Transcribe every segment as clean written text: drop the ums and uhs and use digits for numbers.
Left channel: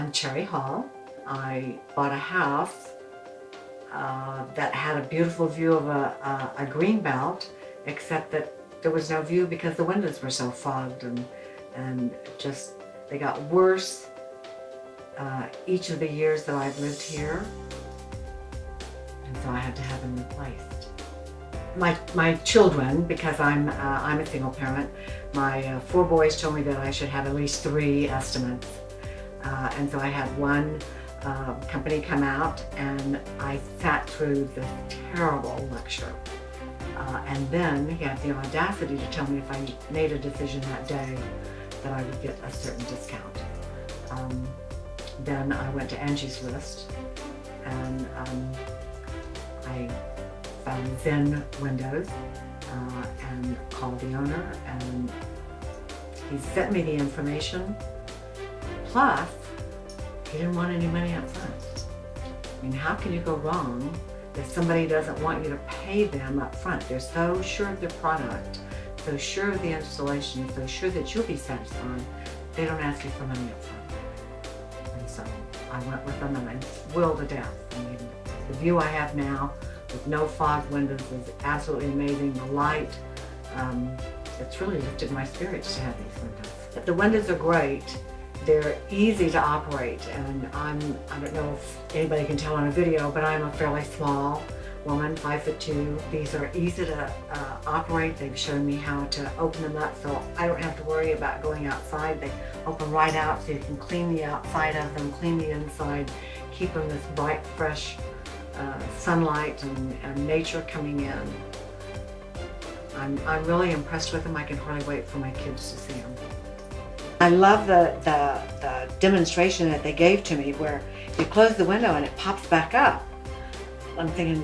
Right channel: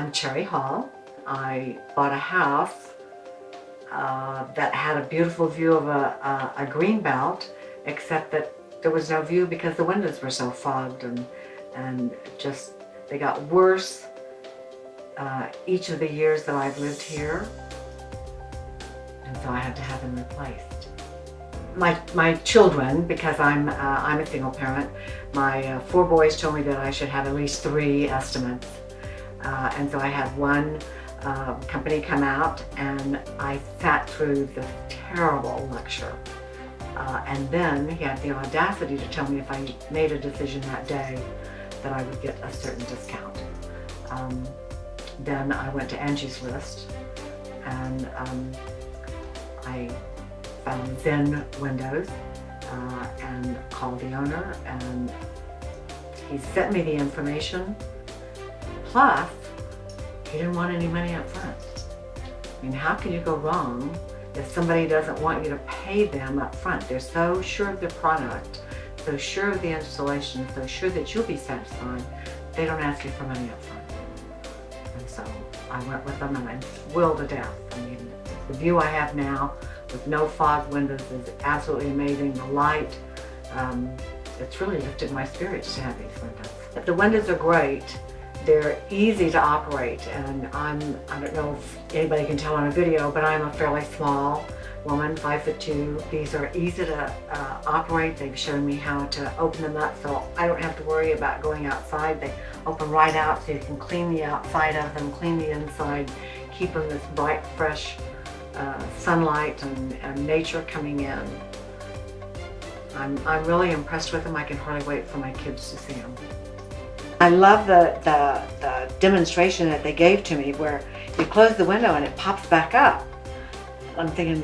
I'm Cherry Hall. I bought a house that had a beautiful view of a green belt, except that there was no view because the windows were so fogged and just they got worse each of the years that I've lived here, and so I had to have them replaced. My children, because I'm a single parent, my 4 boys told me that I should have at least 3 estimates, and so I had one company come out, and I sat through the terrible lecture, and then he had the audacity to tell me if I made a decision that day that I would get a certain discount. Then I went to Angie's List, and I found Zen Windows, and called the owner, and he sent me the information, plus he didn't want any money up front. I mean, how can you go wrong if somebody doesn't want you to pay them up front? They're so sure of the product, so sure of the installation, so sure that you'll be satisfied, they don't ask you for money up front. And so I went with them and I thrilled to death. I mean, the view I have now with no fog windows is absolutely amazing. The light, it's really lifted my spirits to have these windows. But the windows are great. They're easy to operate, and I don't know if anybody can tell on a video, but I'm a fairly small woman, 5'2". These are easy to operate. They've shown me how to open them up, so I don't have to worry about going outside. They open right out, so you can clean the outside up and clean the inside, keeping this bright, fresh sunlight and nature coming in. I'm really impressed with them. I can hardly wait for my kids to see them. I love the demonstration that they gave to me where you close the window and it pops back up. I'm thinking,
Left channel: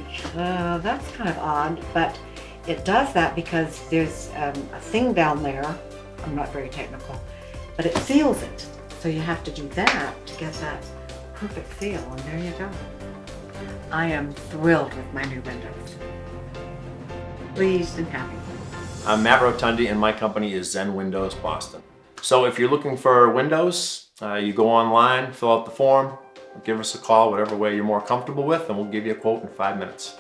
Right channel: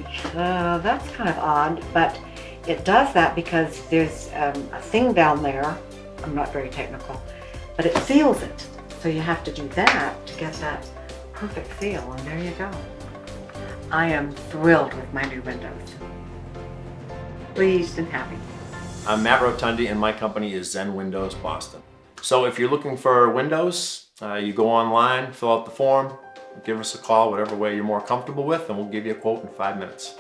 that's kind of odd, but it does that because there's a thing down there, I'm not very technical, but it seals it. So you have to do that to get that perfect seal, and there you go. I am thrilled with my new windows. Please and happy. I'm Matt Rotondi, and my company is Zen Windows Boston. So if you're looking for windows, you go online, fill out the form, give us a call, whatever way you're more comfortable with, and we'll give you a quote in 5 minutes.